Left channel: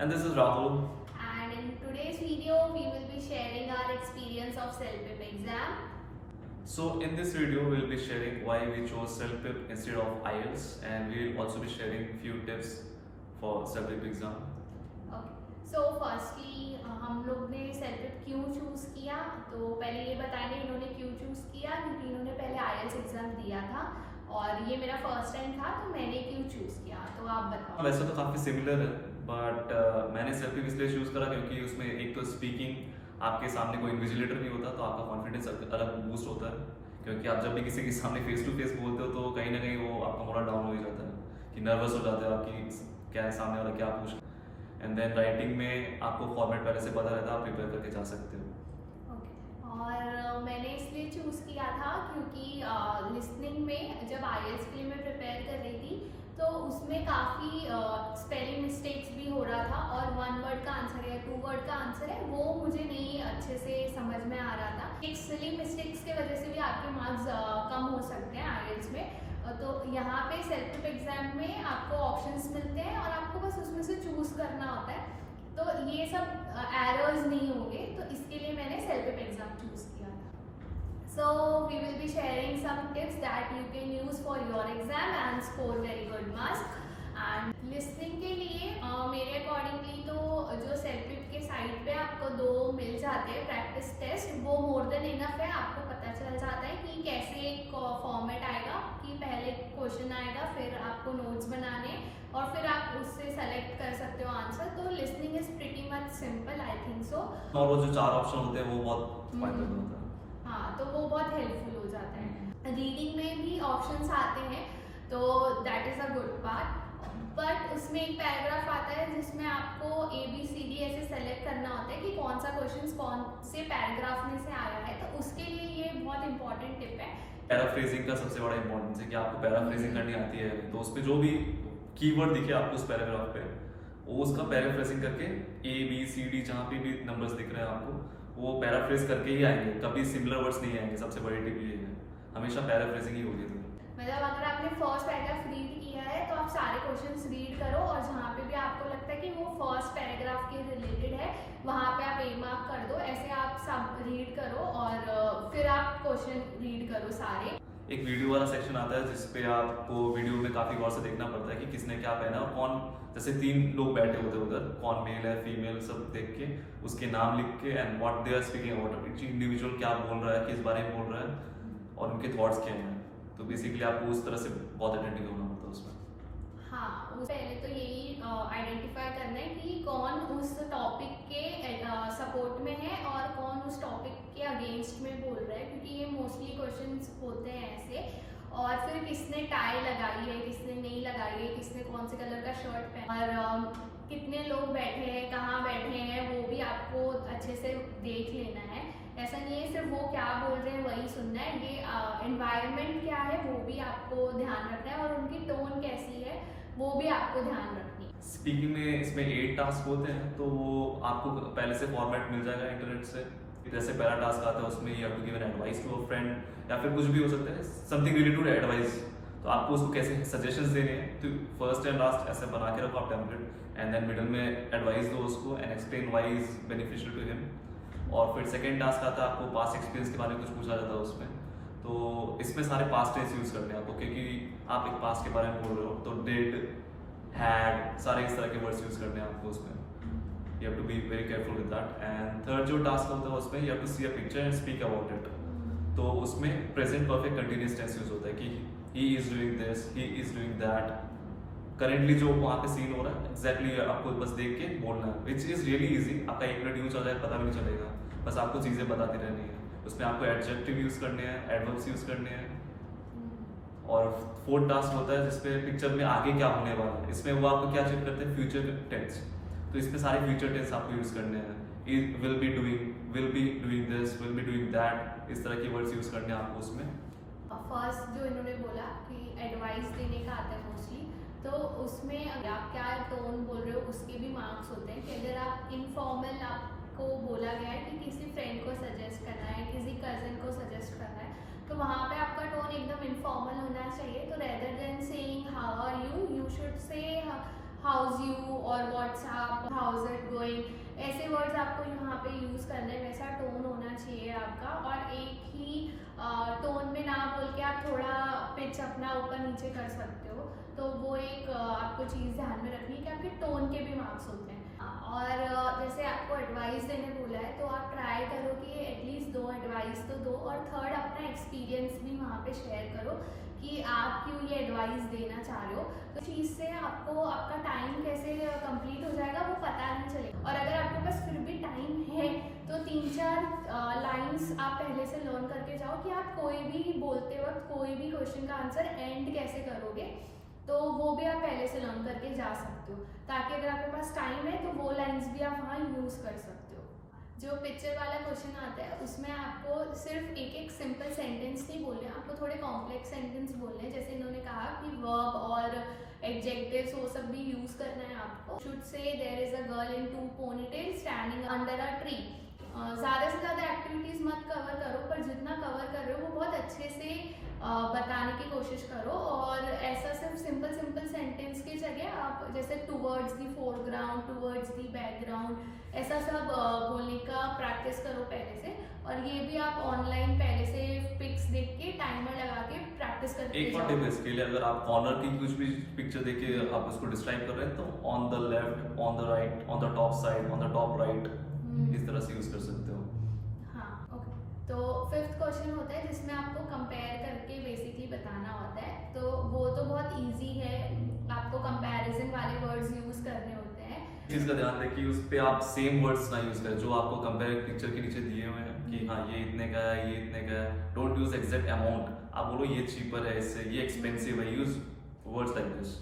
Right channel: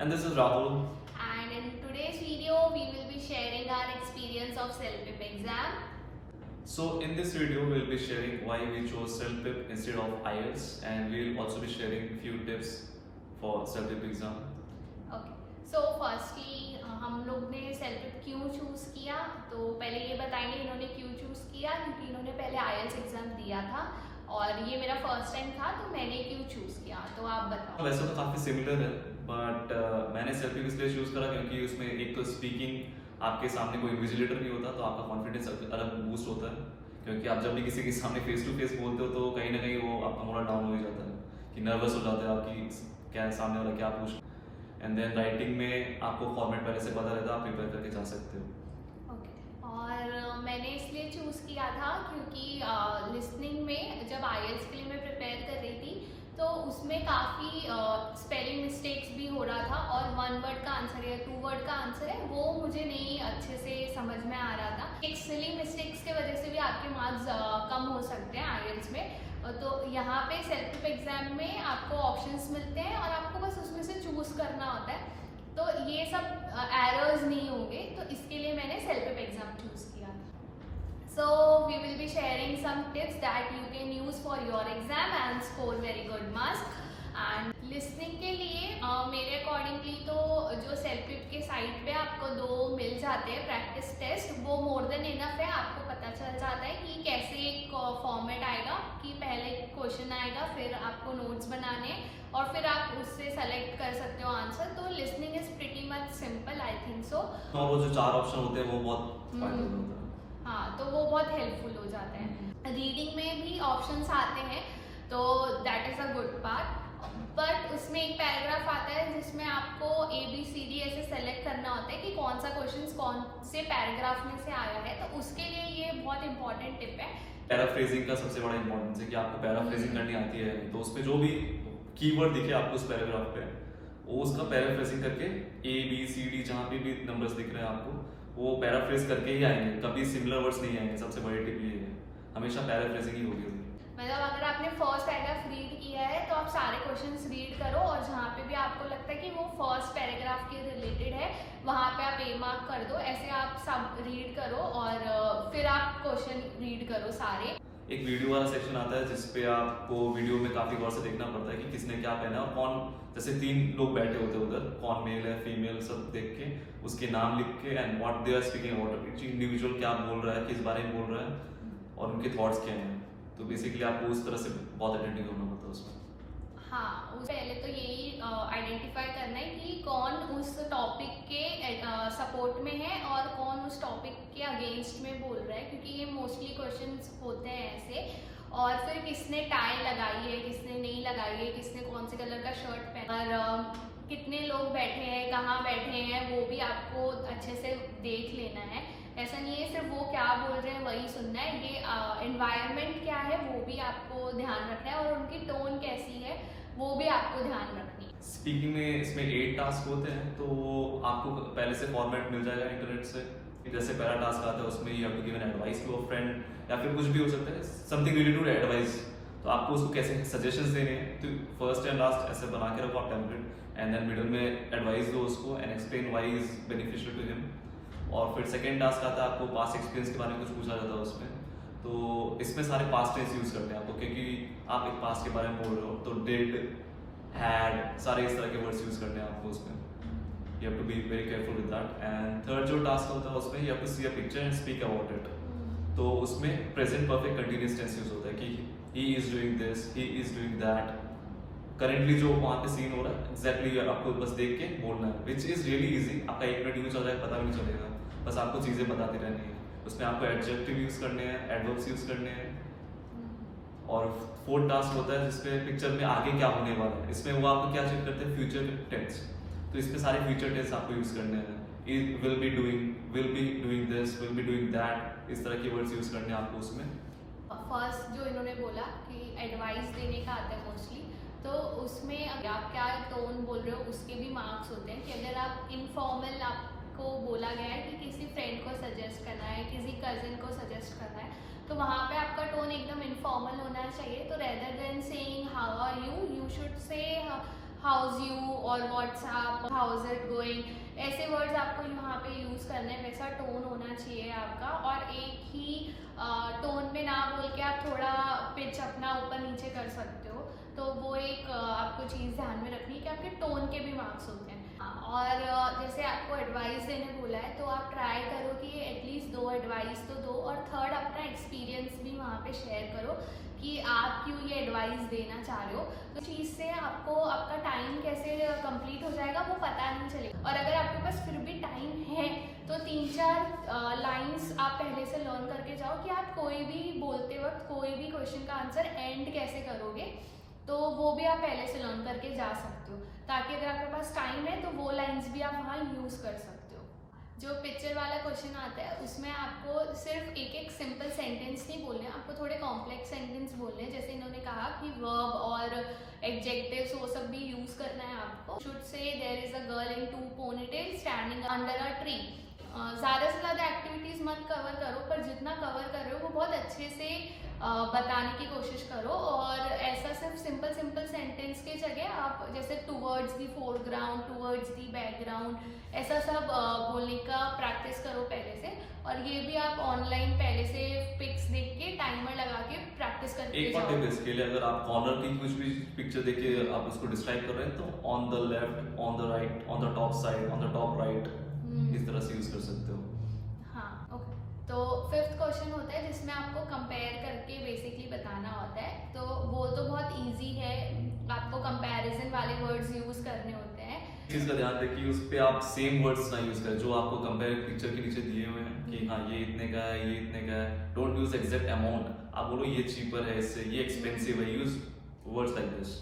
And this is Rahul. And in today's video, we will be sharing our experience of CELPIP exam. So in this video, we'll be sharing why we chose CELPIP instead of IELTS, and we'll also be sharing few tips for CELPIP exam. Okay. So firstly, हम लोग ने CELPIP क्यों choose किया, तो पहले ये बताएंगे इन्होंने क्यों चूज किया, क्योंकि इन्होंने पहले IELTS एग्जाम दिया था और ये मेरा फर्स्ट टाइम था, तो मैंने क्यों चूज किया, तो आप बताओ। वैसे तो काफ़ी सिमिलर है, बट मैंने CELPIP इसलिए चूज़ करा क्योंकि उसमें एक तो स्पीकिंग आपके सामने कोई इन्विजिलेटर नहीं होता, तो आपका कॉन्फिडेंस अलग बूस्ट होता है। क्योंकि आप जब भी किसी के सामने फेस टू फेस बोलते हो तो कहीं ना कहीं वो आपका मोरल डाउन हो ही जाता है कि नर्वस हो जाते हो आपकी क्या सामने वाला क्या पूछ। एंड देन राइटिंग में आपको फॉर्मेट पहले से पता रहता है, आप प्रिपेयर करके जा सकते हो। और मैंने इसलिए चूज़ किया था क्योंकि लिसनिंग में जब IELTS के लिए मैं प्रिपेयर कर रही थी तो उसमें काफ़ी स्पेलिंग मिस्टेक्स भी हो रहा था और 1 वर्ड का आंसर या 2 वर्ड का आंसर है वो मुझे नहीं अच्छे से समझ में आ रहा था। एक सिली मिस्टेक्स की वजह से भी आपके मार्क्स कम हो सकते हैं IELTS में। तो यहाँ पे CELPIP एग्जाम में आपको ऑप्शंस मिलते हैं और आपको बस उसमें से चूज़ करना होता है, तो ये सब एरर्स नहीं होंगे, तो इसके लिए मैंने CELPIP एग्जाम चूज किया। So we will be sharing some tips that you can use for your exam and score very good marks. And listening के लिए मेरे अकॉर्डिंगली तो जो CELPIP के साइट पे आपको 2 मिल जाते हैं प्रैक्टिस टेस्ट, वो मोर देन इनफ है। आपको पता चल जाता है कि कैसे एक फॉर्मेट आएगा, कि पहले क्वेश्चन आएगा, फिर आपको नोट्स बनाने और फिर आप उससे सेलेक्ट कर सकते हो आंसर। तो listening is pretty much simple, I think so. और वो जो 4 ऑप्शन होते हैं वो बहुत फायदेमंद होता है। हाँ, तो वो बहुत हेल्पफुल हो जाता है। रीडिंग में भी ऑप्शंस आते हैं, तो that is a good part. But उसमें एक पैराग्राफ आता है जिसमें आपको ABCD ऐसे सेलेक्ट करना होता है कि कौन सा क्वेश्चन कौन से पैराग्राफ में से आया है, तो उसके लिए ये बहुत इंपॉर्टेंट टिप है। पैराफ्रेजिंग का सबसे बड़ा इंपॉर्टेंस है कि आपको पैराफ्रेजिंग करनी आती है, तो उस पर जो भी कीवर्ड दिखे आपको उस पैराग्राफ पे वो उसका पैराफ्रेजिंग करके ABCD जहाँ पे भी नंबर्स दिख रहे हैं आपको वो पैराफ्रेज करके ही आएंगे, कभी सिमिलर वर्ड्स नहीं आएंगे। सबसे बड़ी टिप ये है, हमेशा पैराफ्रेजिंग ही होगी। मतलब अगर आपने फर्स्ट पैराग्राफ रीड किया है तो आप सारे क्वेश्चंस रीड करो और जहाँ पे भी आपको लगता है कि वो फर्स्ट पैराग्राफ के रिलेटेड है वहाँ पे आप A मार्क कर दो। ऐसे आप सब रीड करो और फिर आप क्वेश्चन रीड करो सारे। एक वीडियो वाला सेक्शन आता है जिसपे आपको वीडियो में काफी गौर से देखना पड़ता है कि किसने क्या पहना और कौन, जैसे 3 लोग बैठे होते हैं उधर, कौन मेल है फीमेल सब देख के उसके नाम लिख के and what they are speaking about, individual क्या बोल रहा है, किस बारे में बोल रहा है और उनके थॉट्स क्या हैं। तो बेसिकली आपको उस तरह से बहुत अटेंटिव होना पड़ता है उसमें। हाँ, पहले तो यही आइडेंटिफाई करना है कि कौन उस टॉपिक के सपोर्ट में है और कौन उस टॉपिक के अगेंस्ट में बोल रहा है, क्योंकि ये मोस्टली क्वेश्चंस होते हैं ऐसे। और फिर किसने टाई लगाई है, किसने नहीं लगाई है, किसने कौन से कलर का शर्ट पहना और कितने लोग बैठे हैं, कहाँ बैठे हैं, वो भी आपको अच्छे से देख लेना है। ऐसा नहीं है सिर्फ वो क्या बोल रहे हैं वही सुनना है, ये एनवायरनमेंट क्या है वो भी आपको ध्यान रखना है और उनकी टोन कैसी है वो भी आपको ध्यान रखनी है। स्पीकिंग में इसमें 8 टास्क होते हैं, तो आपको पहले से फॉर्मेट मिल जाएगा इंटरनेट से। जैसे पहला टास्क आता है उसमें you have to give an advice to a friend या फिर कुछ भी हो सकता है, समथिंग रिलेटेड टू एडवाइस। तो आपको उसको कैसे सजेशंस देने हैं, तो फर्स्ट एंड लास्ट ऐसे बना के रखो आप टेम्पलेट, एंड देन मिडिल में एडवाइस दो उसको and explain why is beneficial to him. और फिर सेकेंड टास्क आता है आपको पास्ट एक्सपीरियंस के बारे में कुछ पूछा जाता है उसमें, तो इसमें सारे पास्ट टेंस यूज करते हैं आपको, क्योंकि आप एक पास्ट के बारे में बोल रहे हो तो डिड, हैड, सारे इस तरह के वर्ड्स यूज करने हैं आपको उसमें। You have to be very careful with that. And third जो टास्क होता है उसमें you have to see a picture and speak about it. तो उसमें present perfect continuous tense use होता है कि he is doing this, he is doing that. Currently जो वहाँ पे सीन हो रहा है एग्जैक्टली आपको बस देख के बोलना है, विच इज रियली इजी। आपका 1 मिनट यूज हो जाए पता भी नहीं चलेगा, बस आपको चीजें बताती रहनी है। उसमें आपको एडजेक्टिव यूज करने हैं, एडवर्ब्स यूज करने हैं। और फोर्थ टास्क होता है जिसपे पिक्चर में आगे क्या होने वाला है, इसमें वो आपको क्या चेक करते हैं, फ्यूचर टेंस। तो इसमें सारे फ्यूचर टेंस आपको यूज करने हैं, will be doing this, will be doing that, इस तरह के वर्ड्स यूज करने हैं आपको उसमें। फर्स्ट जो इन्होंने बोला कि एडवाइस देने का आता है मोस्टली, तो उसमें आप क्या टोन बोल रहे हो उसके भी मार्क्स होते हैं। कि अगर आप इनफॉर्मल, आपको बोला गया है कि किसी फ्रेंड को सजेस्ट करना है, किसी कजिन को सजेस्ट करना है, तो वहाँ पे आपका टोन एकदम इनफॉर्मल होना चाहिए। तो rather than saying how are you, you should say how's you और व्हाट्सएप, हाउस इट गोइंग, ऐसे वर्ड्स आपको यहाँ पे यूज़ करने हैं। वैसा टोन होना चाहिए आपका, और एक ही टोन में ना बोल के आप थोड़ा पिच अपना ऊपर नीचे कर सकते हो। तो वो एक आपको चीज़ ध्यान में रखनी है कि आपके टोन के भी मार्क्स होते हैं। और जैसे आपको एडवाइस देने बोला है तो आप ट्राई करो कि एटलीस्ट 2 एडवाइस तो दो, और थर्ड अपना एक्सपीरियंस भी वहाँ पे शेयर करो कि आप क्यों ये एडवाइस देना चाह रहे हो। तो चीज़ से आपको आपका टाइम कैसे कंप्लीट हो जाएगा वो पता नहीं चलेगा। और अगर आपके पास फिर भी टाइम है तो 3-4 लाइंस आप पहले से लर्न करके जाओ कि आप कोई भी बोलते वक्त कोई भी क्वेश्चन का आंसर एंड कैसे करोगे, तो वो भी आप पहले से लर्न करके जा सकते हो, ताकि अगर आपके पास टाइम है तो वो लाइंस भी आप वहाँ यूज़ कर सकते हो। जो पिक्चर वाला क्वेश्चन आता है उसमें आपको सिर्फ एक सिंपल सेंटेंस नहीं बोलने, आपको थोड़े कॉम्प्लेक्स सेंटेंस बोलने हैं। जैसे इन्होंने कहा कि वर्ब और एडजेक्टिव्स वो सब भी यूज़ करना है आपको। Should say there is a girl in 2 ponytail standing under a tree. ज़्यादा से ज़्यादा एक्टिविटीज़ मत कवर करो, पर जितना कवर कर रहे हो वो बहुत अच्छे से बताने की कोशिश करो। और ऐसा सिर्फ सिंपल सेंटेंस की जगह आप जैसे towards the foreground, towards the background, ऐसा सब बोलने का प्रैक्टिस करो पहले से। और ये भी आप ऑनलाइन पहले से पिक्स देख के टाइमर लगा के प्रैक्टिस करके एक और टिप इसके लिए, अगर आप कॉर्नर की कुछ भी पिक्चर देख के आप उसको डिस्क्राइब कर रहे हैं तो on the left, on the right, on the top side, on the top right, इस तरह से यूज कर सकते हो। हाँ, ओके। तो 5th क्वेश्चन होता है जिसमें आपको कंपेयर करके बेसिकली बताना होता है। तो वो तो बहुत इजी है, आपको कंपैरिजन वाले वर्ड्स यूज करने होते हैं। चीज का ध्यान रखिए उस पे आप सेम वर्ड्स ना यूज करें जो आपको कंपेयर पिक्चर के नीचे दिए हुए हैं कि हाँ ये इतने का है, ये इतने का है। डोंट यूज एग्जैक्ट अमाउंट, आप बोलो ये चीपर है इससे, ये एक्सपेंसिव है, यूज वर्ड्स लाइक दिस।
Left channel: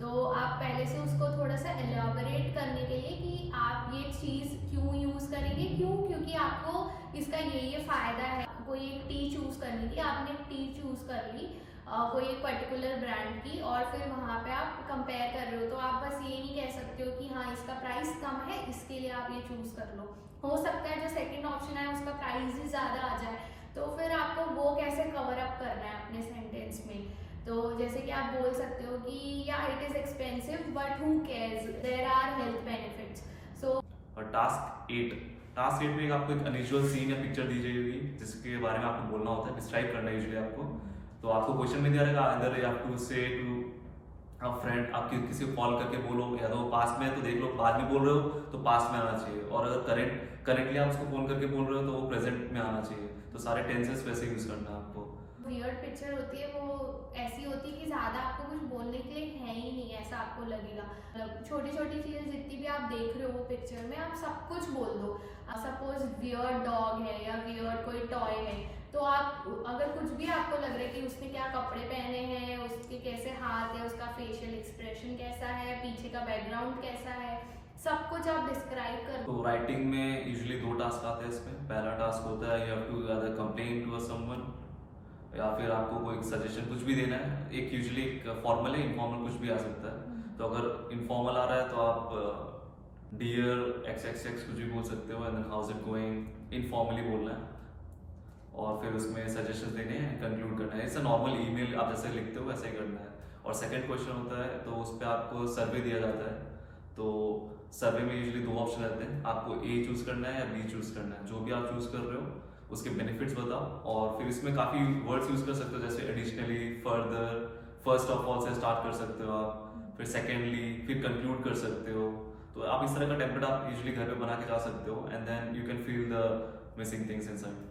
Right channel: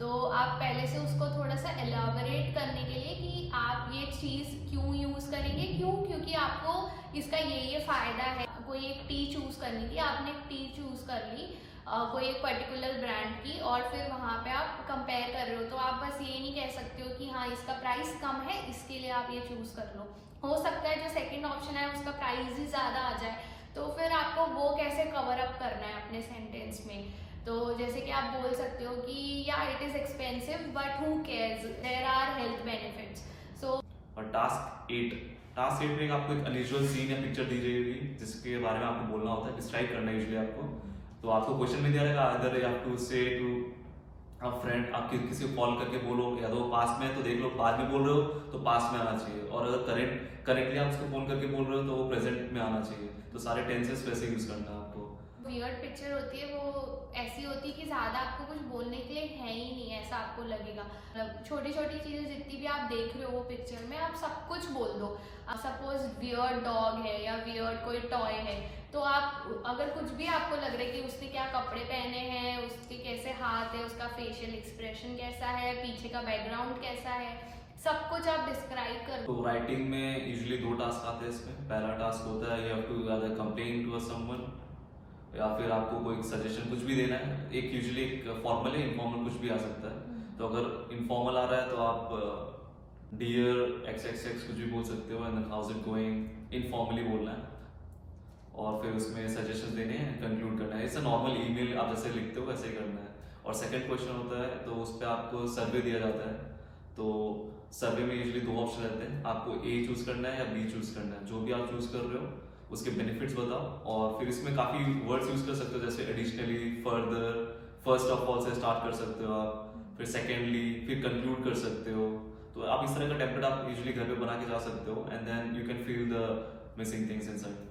तो आप पहले से उसको थोड़ा सा एलाबोरेट करने के लिए कि आप ये चीज़ क्यों यूज़ करेंगे, क्योंकि आपको इसका ये फ़ायदा है। कोई एक टी चूज़ करनी थी, आपने एक टी चूज़ कर ली कोई एक पर्टिकुलर ब्रांड की, और फिर वहाँ पे आप कंपेयर कर रहे हो। तो आप बस ये नहीं कह सकते हो कि हाँ इसका प्राइस कम है इसके लिए आप ये चूज़ कर लो। हो सकता है जो सेकेंड ऑप्शन है उसका प्राइस ही ज़्यादा आ जाए, तो फिर आपको वो कैसे कवर अप करना है अपने सेंटेंस में। तो जैसे कि आप बोल सकते हो कि या it is expensive but who cares, there are health benefits. So और टास्क 8 में आपको एक अनयूजुअल सीन या पिक्चर दी जाएगी जिसके बारे में आपको बोलना होता है, डिस्क्राइब करना है यूजुअली आपको। तो आपको क्वेश्चन में दिया रहेगा अंदर यू हैव टू से टू अ फ्रेंड, आप किसी को कॉल करके बोलो, या तो पास में है तो देख लो, बाद में बोल रहे हो तो पास में आना चाहिए, और अगर करेंटली आप उसको फोन करके बोल रहे हो तो वो प्रेजेंट में आना चाहिए। तो सारे टेंसेस वैसे यूज करना है आपको। वियर्ड पिक्चर होती है वो ऐसी होती है कि ज़्यादा आपको कुछ बोलने के लिए है ही नहीं, ऐसा आपको लगेगा। मतलब छोटी छोटी चीज़ें जितनी भी आप देख रहे हो वो पिक्चर में, आप सब कुछ बोल दो। सपोज वियर्ड डॉग है या वियर्ड कोई टॉय है, तो आप अगर कुछ भी आपको लग रहा है कि उसने क्या कपड़े पहने हैं, उसके कैसे हाथ है, उसका फेशियल एक्सप्रेशन कैसा है, पीछे का बैकग्राउंड कैसा है, सब कुछ आप डिस्क्राइब कर। तो राइटिंग में यूजुअली 2 टास्क आते हैं इसमें। पहला टास्क होता है you have to either complain to someone, या फिर आपको कोई सजेशन कुछ भी देना है। एक यूजुअली एक फॉर्मल है, इनफॉर्मल कुछ भी आ सकता है। तो अगर इनफॉर्मल आ रहा है तो आप डियर XXX कुछ भी बोल सकते हो, and then how's it going, informally बोलना है। और फिर उसमें सजेशन देने हैं, कंक्लूड करना है। इट्स नॉर्मल ईमेल आप जैसे लिखते हो वैसे ही करना है। और सेकंड क्वेश्चन होता है तो उस पर आपको सर्वे दिया जाता है। तो सर्वे में यूजुअली 2 ऑप्शन रहते हैं, आपको A चूज करना है या B चूज करना है। जो भी आप चूज कर रहे हो उसके बेनिफिट्स बताओ, और फिर इसमें काफ़ी वर्ड्स यूज कर सकते हो, जैसे additionally, further, first of all से स्टार्ट कर सकते हो आप, फिर सेकेंडली, फिर कंक्लूड कर सकते हो। तो आप इस तरह का टेम्पलेट आप यूजुअली घर पे बना के जा सकते हो, and then you can fill the missing things inside.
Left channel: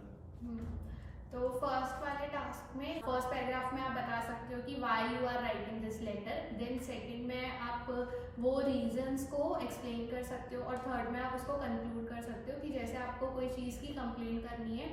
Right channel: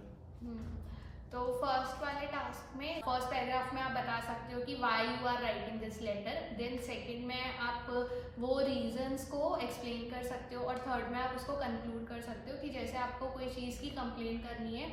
तो फर्स्ट वाले टास्क में फर्स्ट पैराग्राफ में आप बता सकते हो कि why you are writing this letter. Then second में आप वो रीजंस को एक्सप्लेन कर सकते हो, और थर्ड में आप उसको कंक्लूड कर सकते हो कि जैसे आपको कोई चीज़ की कंप्लेन करनी है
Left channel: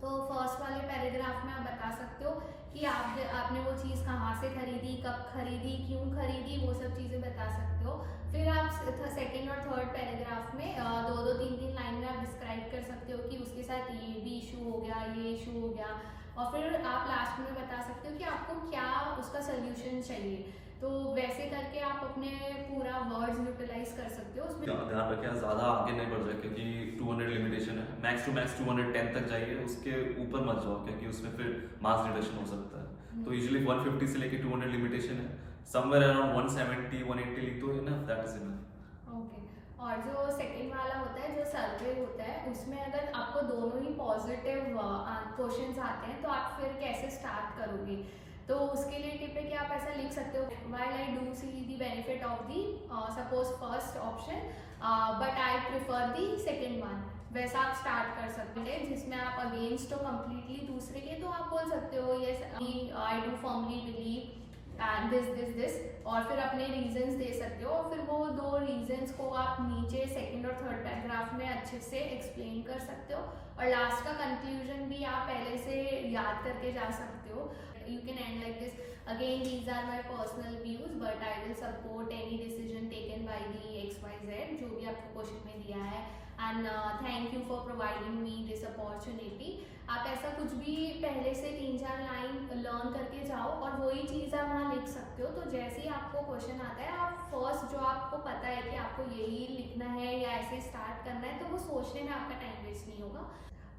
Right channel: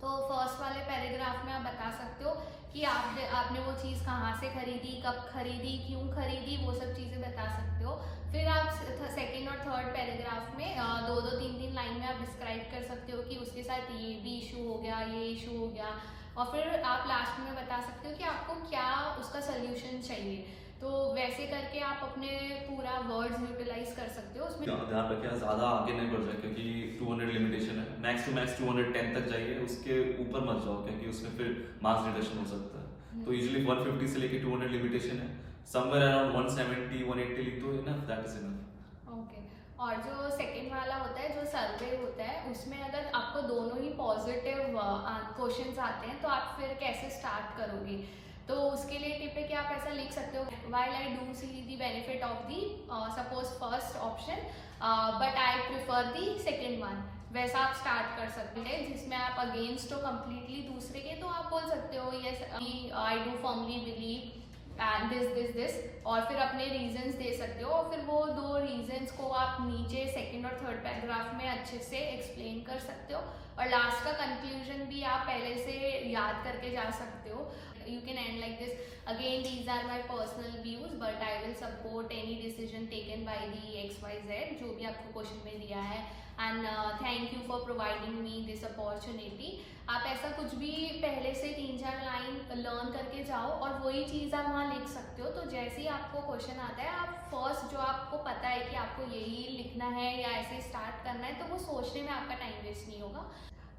तो फर्स्ट वाले पैराग्राफ में आप बता सकते हो कि आपने वो चीज़ कहाँ से खरीदी, कब खरीदी, क्यों खरीदी, वो सब चीज़ें बता सकते हो। फिर आप सेकंड और थर्ड पैराग्राफ में 2-2, 3-3 लाइन में आप डिस्क्राइब कर सकते हो कि उसके साथ ये भी इशू हो गया, ये इशू हो गया, और फिर आप लास्ट में बता सकते हो कि आपको क्या उसका सोल्यूशन चाहिए। तो वैसे करके आप अपने पूरा वर्ड्स यूटिलाइज कर सकते हो उसमें। ध्यान रखें ज़्यादा आगे नहीं बढ़ जाए, क्योंकि 200 लिमिटेशन है। मैक्स टू मैक्स 210 तक जाइए, उसके ऊपर मत जाओ क्योंकि उसमें फिर मार्क्स रिडक्शन हो सकता है। तो यूजुअली 150 से लेके 200 लिमिटेशन है, समवेयर अराउंड 170 180 लिख दो enough, that is enough. Okay. और जो सेकंड वाला होता है जो सर्वे होता है, उसमें अगर आपको दोनों ही पॉजिटिव क्वेश्चंस आते हैं तो आप फिर कैसे स्टार्ट करोगे? तो उसके लिए टिप है कि आप ऐसा लिख सकते हो, while I do see the benefit of the suppose first option but I prefer the second one, वैसा आप स्टार्ट कर सकते हैं। जिसमें आप अगेंस्ट हो कम्प्लीटली दूसरे के, तो आप बोल सकते हो yes I do firmly believe and this और फिर अपने रीजंस दे सकते हो, और फिर वो दो रीजंस को आप नीचे सेकंड और थर्ड पैराग्राफ में अच्छे से एक्सप्लेन कर सकते हो, और लास्ट का कंक्लूजन भी आप पहले से याद करके जा सकते हो। You can end like this, again these are my personal views but I will support any decision taken by the XYZ, जो भी आपको क्वेश्चन में दिया है, and thank you for providing me this opportunity. आप ऐसा कुछ भी पहले से 3-4 लाइन लर्न करके जाओ और वही चीज़ आप वहाँ लिख सकते हो। तो जैसे ही आपको क्वेश्चन आता है, आप फर्स्ट जो आपको पता है कि आपको यही लिखना है या ऐसे स्टार्ट करना है, तो वो सोचने में आपका टाइम वेस्ट नहीं होगा।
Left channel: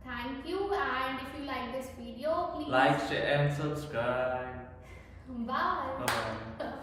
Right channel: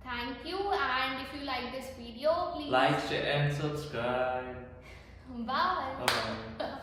Thank you, and if you like this video please like, share and subscribe. Bye. Bye.